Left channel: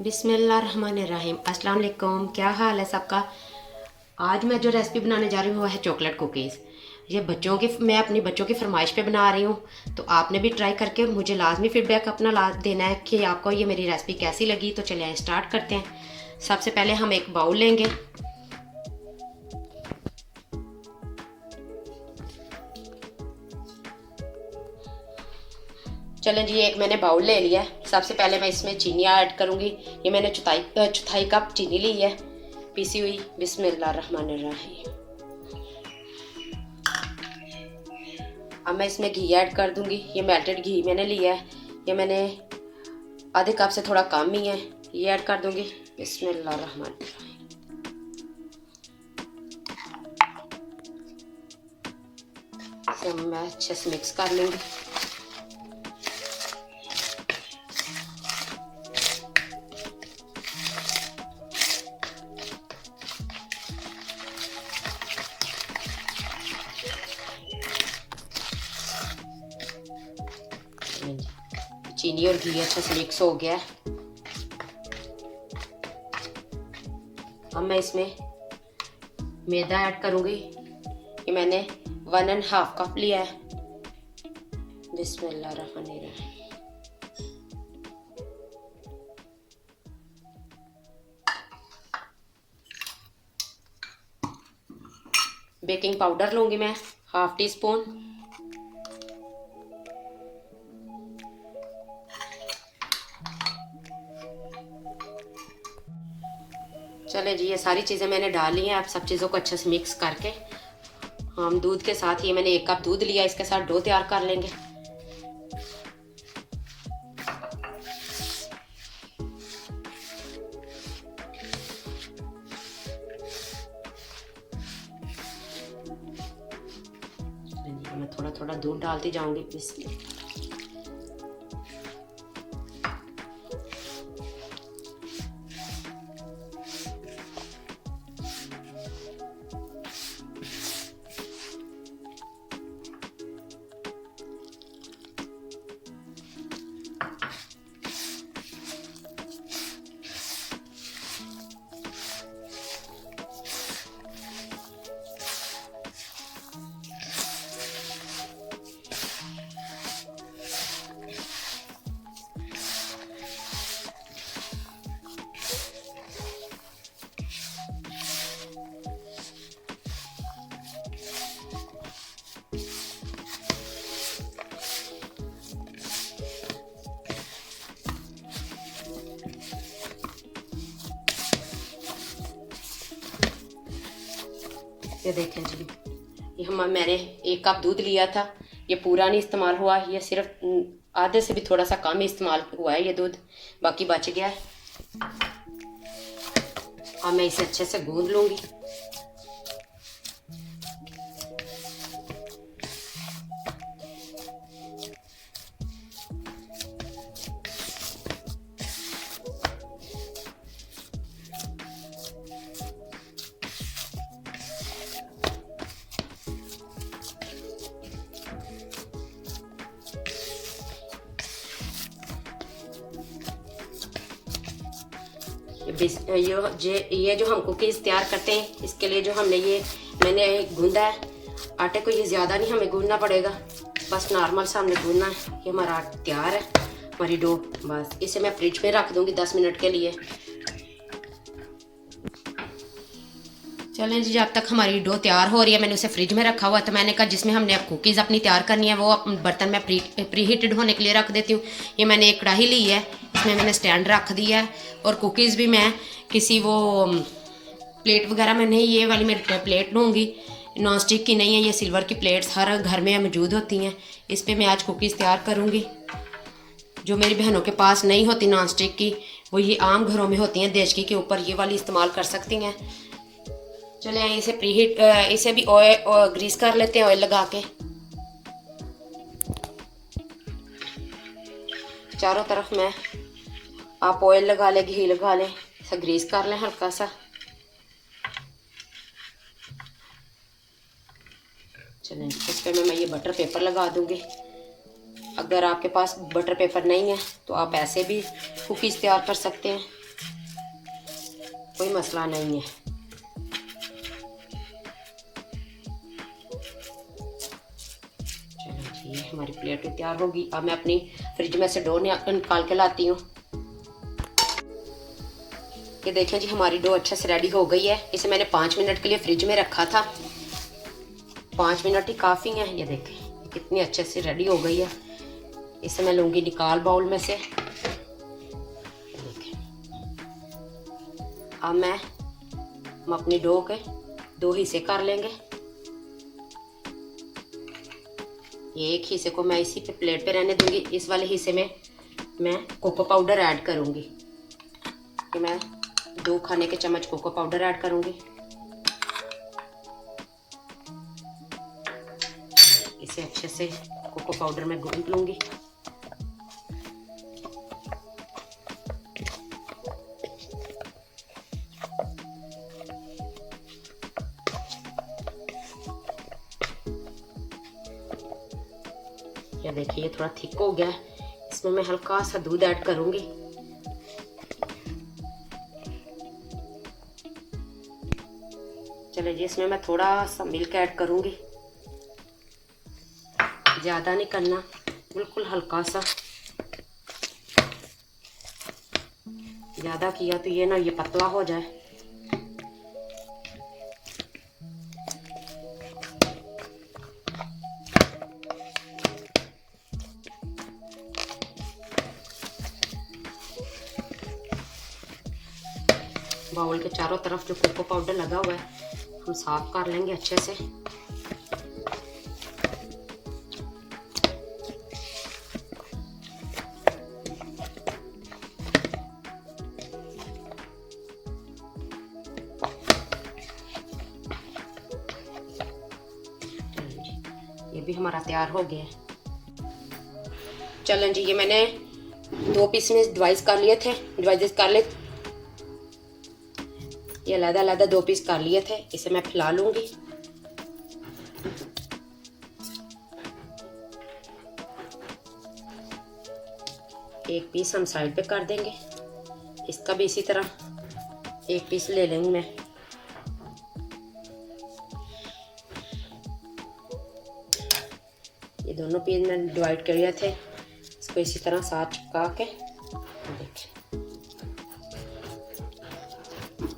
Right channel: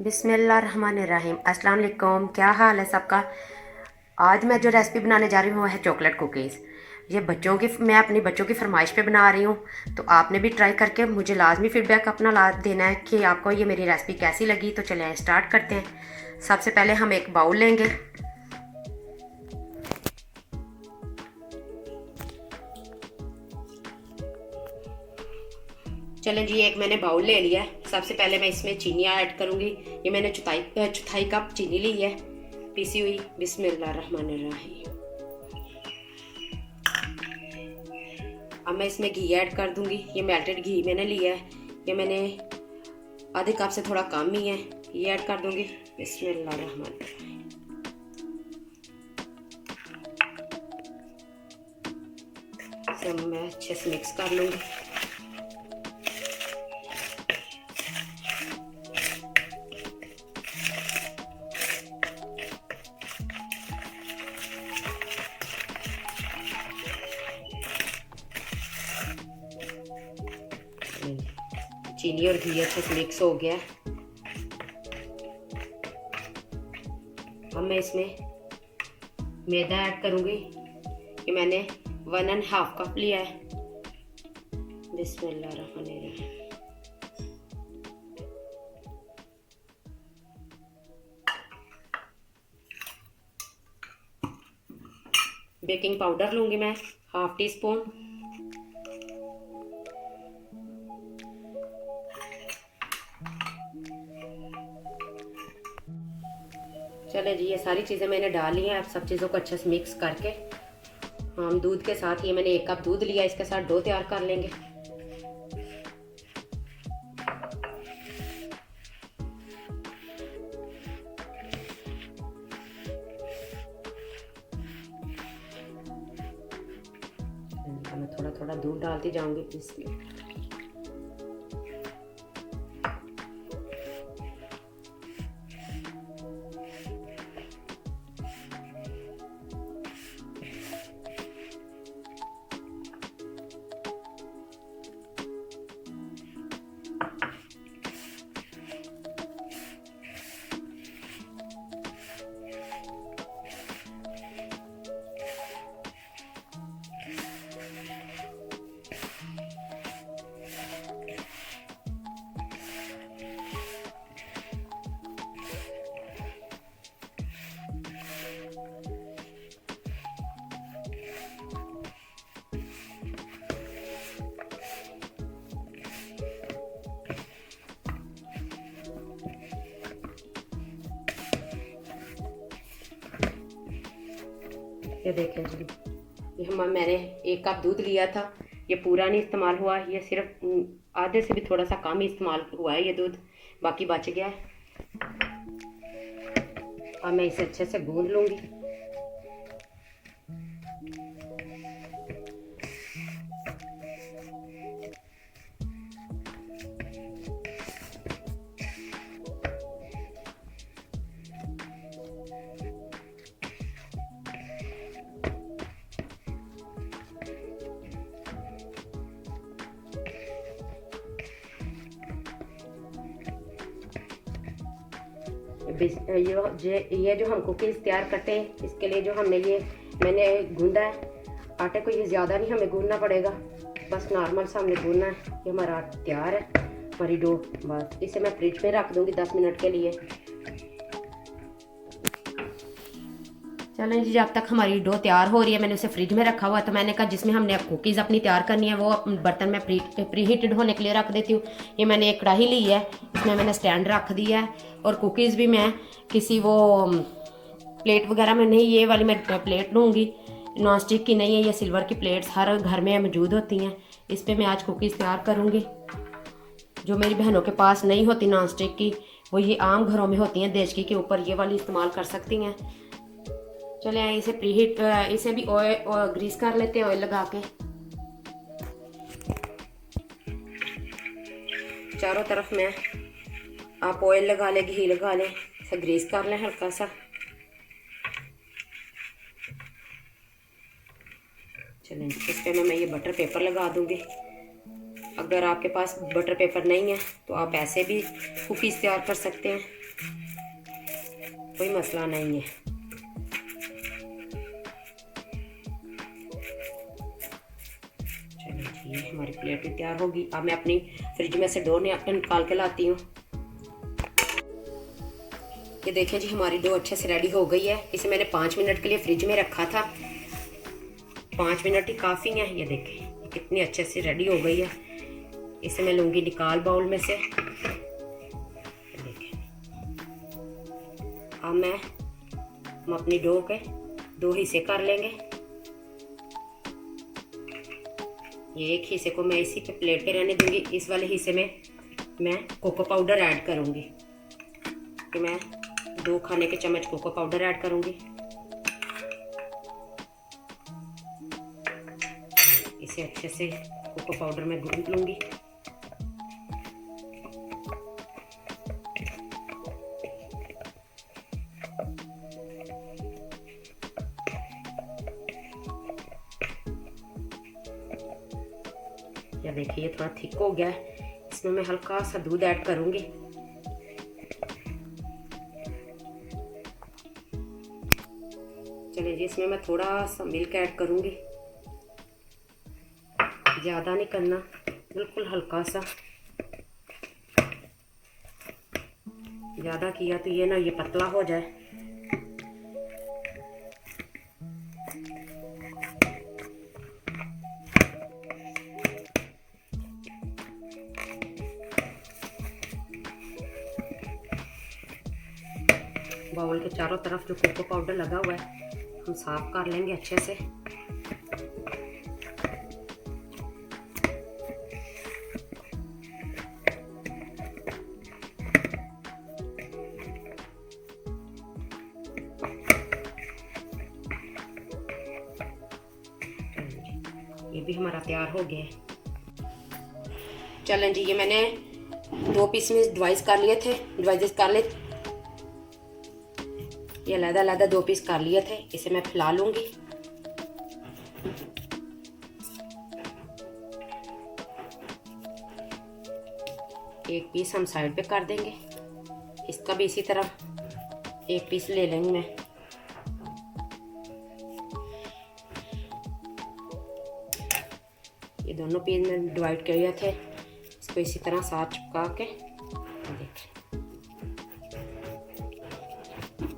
बिस्मिल्लाहिर्रहमानिर्रहीम। अस्सलाम वालेकुम। क्या हाल है सबका। आज मैं जो रेसिपी बनाने जा रही हूँ वो है चॉकलेट कुकीज़। ये मैं अपनी बच्चों की फरमाइश पे बना रही हूँ, तो आपने भी ट्राई करके मुझे लाजमी फीडबैक अपना ला देना है कि आपको ये मेरी रेसिपी कैसी लगी। तो चलिए स्टार्ट करते हैं। सबसे पहले हम एक बाउल लेंगे। चलें जी, एक मैंने बाउल ले लिया है। सबसे पहले मैं इसमें चीनी ऐड करूँगी। ये मैंने चौथाई कप चीनी ली है, पीसी हुई। बिस्मिल्लाहिर्रहमानिर्रहीम। अब मैं इसमें घी ऐड कर दूंगी। ये मेल्टेड घी मैंने लिया है, ये मैंने आधे कप से थोड़ा कम ही है, ये ऐड कर दूंगी। बिस्मिल्लाहिर्रहमानिर्रहीम। इसे मैं अच्छे से मिक्स कर लूंगी। चीनी और घी अच्छे से मिक्स हो गया है। अब मैं इसमें मैदा ऐड करूंगी। ये मैंने 1.5 कप लिया है। बिस्मिल्लाहिर्रहमानिर्रहीम। बेकिंग पाउडर लूंगी मैं 1/2 टीस्पून। चले जी, ये सारी चीज़ें मैंने डाल ली हैं। अब सब चीज़ों को अच्छे से मिक्स करके हम दूध के साथ, ये मैंने 1 कप दूध लिया, इसके साथ डो तैयार कर लेंगे। मैं थोड़ा थोड़ा दूध डालती जाऊंगी इसमें। ये देखें जी, मैंने 1 कप दूध लिया था, ये पूरा नहीं इस्तेमाल हुआ, ये सिर्फ आधे से भी थोड़ा सा कम इस्तेमाल हुआ है ये दूध, बाकी बच गया है। अब मैं इसे अच्छे से गूंद लूंगी। ये जो हम कुकीज़ तैयार करते हैं, इसके लिए जो मैंने गूंदा है आटे को, ये ज़्यादा नहीं हमें गूंदना पड़ेगा, बस नॉर्मल सा हमने गूंदना है। ये हमारा आटा तैयार है, हमारी डो। बस इसे मैं फ्रिज में रख दूंगी 10 मिनट के लिए। चलें जी, जब तक हमारी डो तैयार हो रही है, मैंने उसे फ्रिज में रखा हुआ है। तो मैंने कहा जिसमें हमने अब कुकीज़ अपनी तैयार करनी है वो बर्तन में प्री हीटेड होने के लिए रख देती हूँ। ये मैंने एक कढ़ाई ली है, इसमें मैंने स्टैंड रख दिया है। और कुकीज़ भी मैं किसी वो प्लेट वगैरह में नहीं, ये वाली मैं प्लेट लूँगी, नॉन स्टिक की नहीं है, ये सिल्वर की प्लेट्स हर घर में मौजूद होती हैं। इस पर मैं आज कुकीज़ तैयार करूँगी। जो मेरी बहनों के पास नहीं होती नॉन स्टिक की, वो ये आम घरों में होती हैं देचकी के ऊपर, ये वाली इस्तेमाल कर सकती हैं। चले इसे इसे भी ऑयल ग्रीस कर लेते हैं, ऑयल लगा के। चारों तरफ मैं आप ऑयल लगा लें, घी लगा लें, इसे ग्रीस कर लें हल्का सा। चलें इस पे मैं ये बटर पेपर लगा दूंगी। अगर आपके पास बटर पेपर नहीं है तो आप ऐसे भी कुकीज़ तैयार कर सकते हैं। कोई मसला नहीं है। चलो जी, हमारी प्लेट तैयार होगी। अब मैं अपनी फ्रिज में से डो निकाल के लाती हूँ। ये देखें जी, हमारी डो अच्छे से रेडी हो गई है। इसे मैंने 5 मिनट के लिए फ्रिज में रखा था। 5 मिनट ही काफ़ी हैं। ये देखें कितनी अच्छे से रेडी हो गई है। इसे मैं लूँगी निकाल बाउल में से। देखें, अब हम अपनी डो के 2 हिस्से कर लेंगे। ये एक हिस्से को मैं इसी पे प्लेट पे रहने दूंगी। इस वाले हिस्से में मैं कोको पाउडर ऐड करूँगी। कि मैं 2 खाने के चम्मच कोको पाउडर ऐड करूँगी। इसे अच्छे से कोको पाउडर में गूंथ लूँगी। ये देखिए, ये थोड़ा थिक हो गया है। इसमें मैं हल्का सा दूध ऐड करूँगी। चलिए जी, इसमें मैं थोड़ा सा मिल्क ऐड करूँगी। ज़्यादा नहीं करना, बिल्कुल हल्का सा। ज़्यादा किया तो ये पतला हो जाए। बाउल के चारों तरफ जो कोको पाउडर लगा हुआ है हम साफ कर लेंगे अच्छे से। ये भी हमारा तैयार हो गया है। चलें जी, ये मैंने 2 पीस में डिवाइस कर लिए थे। ये अलग-अलग 2 पीस कर लिए थे। इसे मैं फैला लूंगी। एक पीस हम साइड पे कर देंगे। इसका भी इसी तरह 1 पीस ले लेंगे मैं। ये दोनों पीस मैंने डिवाइड किए थे। इसको इसी तरह साथ चिपका के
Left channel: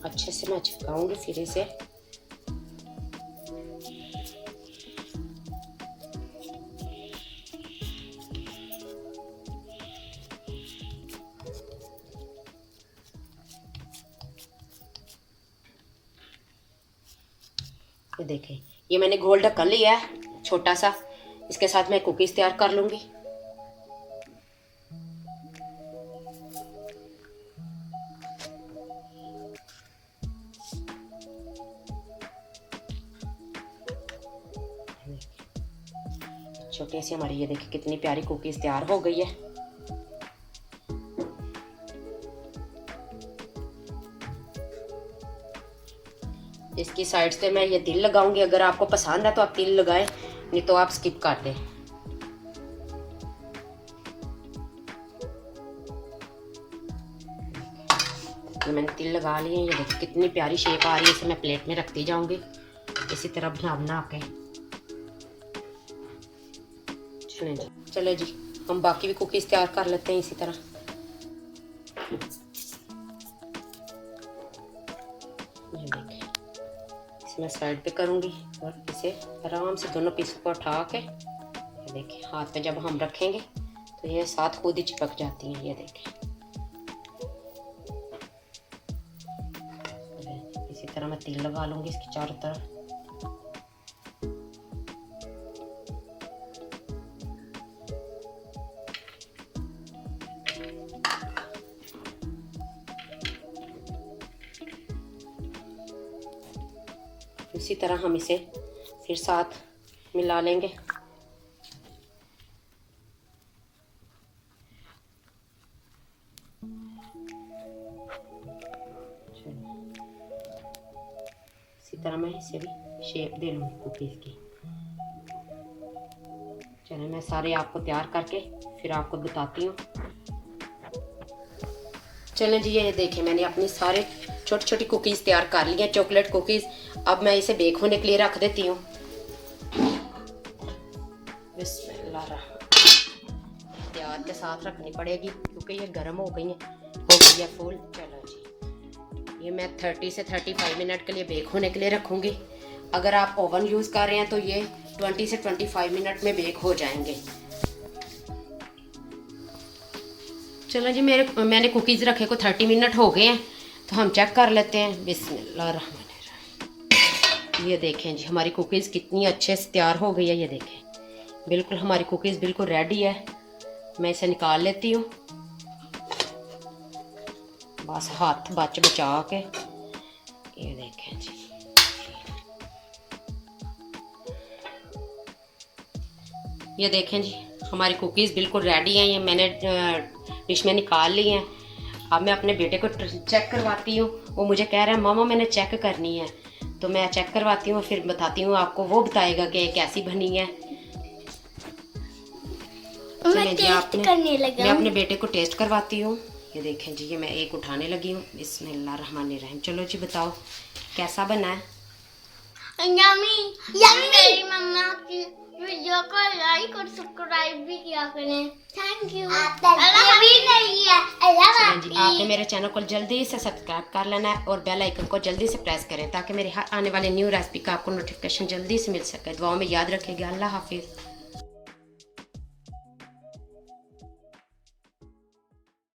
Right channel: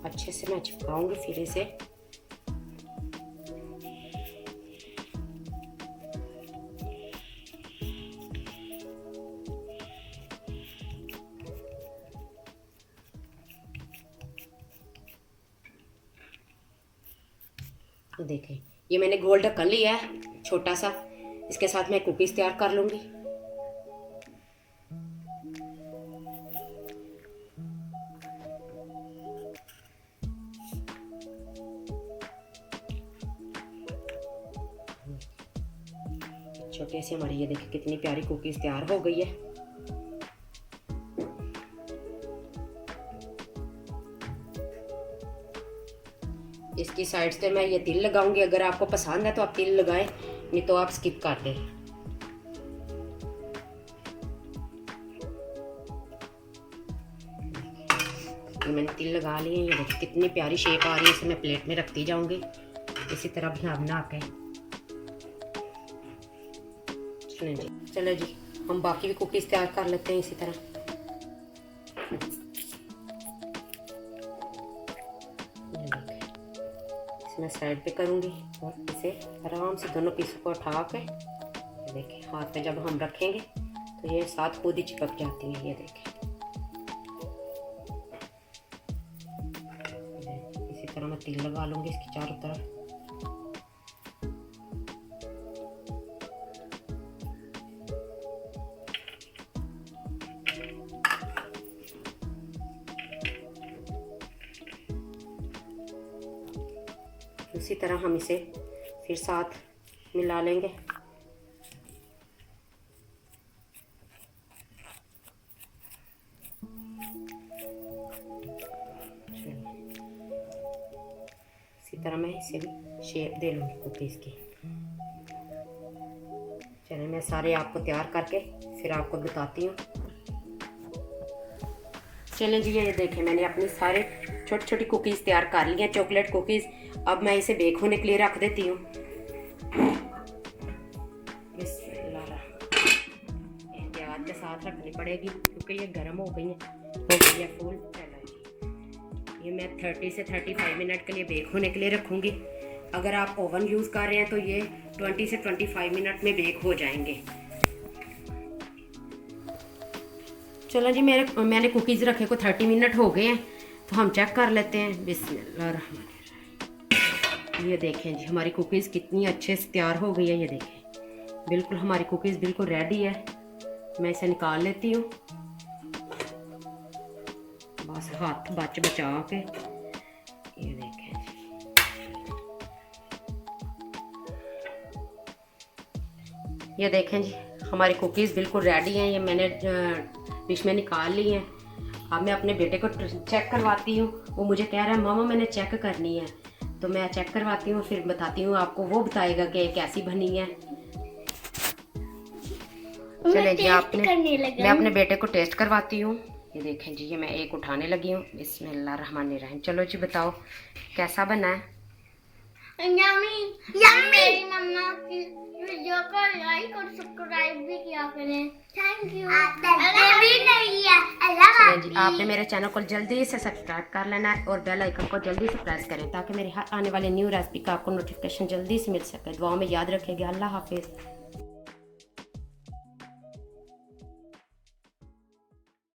अच्छे से मैं चिपकाऊंगी। फिर इसे देखें, ये मैंने गोल ढक्कन लिया है छोटा सा। इसके साथ मैं कुकीज तैयार कर लूंगी। छोटी सी हमारी ये देखिए कितनी प्यारी कुकीज तैयार हो गई है। इसकी साइड से मैं ये तिल लगाऊंगी। अगर आपको पसंद है तो आप तिल लगाएं, नहीं तो आप स्किप कर दें। मैंने तिल लगा लिए। ये देखिए कितनी प्यारी शेप आ रही है। इसे मैं प्लेट में रखती जाऊंगी इसी तरह बना के। चलो जी, हम बाकी भी कुकीज तैयार कर लेते हैं इसी तरह। इसे मैं साइड पे करूंगी और इसे आराम से दोनों पीसों को उठा के देखिए हाथ में जब हम रखेंगे तो ये साथ खुद ही चिपक जाती है। ये देखिए इसी तरह मैं तिल लगा लूंगी इसकी चारों तरफ। उसी तरह हम इसे फिर साथ मिला लेंगे। इसी तरह मैं इसे भी शेप दे लूँगी कुकीज़ की। चलिए मैं सारे आपको तैयार करके फिर आपको बताती हूँ। चलें जी, ये देखिए मैंने अपनी सारे छोटी छोटी कुकीज़ तैयार कर ली हैं, चॉकलेट कुकीज़। अब मैं इसे बेक होने के लिए रख देती हूँ। प्याज के साथ रखनी पड़ेगी क्योंकि ये गर्म हो गई है फुल। चलो जी, ये मैं 30 से 35 मिनट के लिए बेक होने के लिए रखूँगी। अगर आप ओवन यूज़ कर रहे हैं तो ये 20 से 25 मिनट में बेक हो जाएंगे। चलो जी, मैंने कुकीज़ रखे को 30 मिनट हो गए हैं, तो हम चेक कर लेते हैं। बिस्मिल्लाहिर्रहमानिर्रहीम। ये देखें जी, हमारी कुकीज़ कितनी अच्छे से तैयार हो गई है। ये देखें, बिल्कुल हमारी कुकीज़ बिल्कुल रेडी है। मैं इसे निकाल लेती हूँ, बस हाथ बचा के। ये देखें जी, ये देखें जी, हमारी कुकीज़ बिल्कुल रेडी हैं। ये मैंने डिश में निकाल ली हैं। अब मैं अपने बेटे को चेक करवाती हूँ। वो मुझे कह रहा है मामा मैंने चेक करनी है, तो मैं चेक करवाती हूँ, फिर बताती हूँ आपको। वो बताएगा कि कैसी बनी है। चलें जी, मैं अपने बेटे को टेस्ट करवाती हूँ। ये देखें जी, ये मैं एक उठाने लगी हूँ। बिस्मिल्लाहिर्रहमानिर्रहीम। चलो जी, बताओ कैसा बना है। मेरी मम्मा की वीडियो को लाइक और सब्सक्राइब भी किया करें। Thank you. चलें जी, आपने मेरे चैनल को जल्दी से सब्सक्राइब कर लेना है और बेल आइकन को जल्दी से प्रेस करें ताकि मेरे हर आने वाले न्यू रेसिपी का आपको नोटिफिकेशन जल्दी से मिल सके। दुआओं में याद रखिएगा। अल्लाह हाफिज़।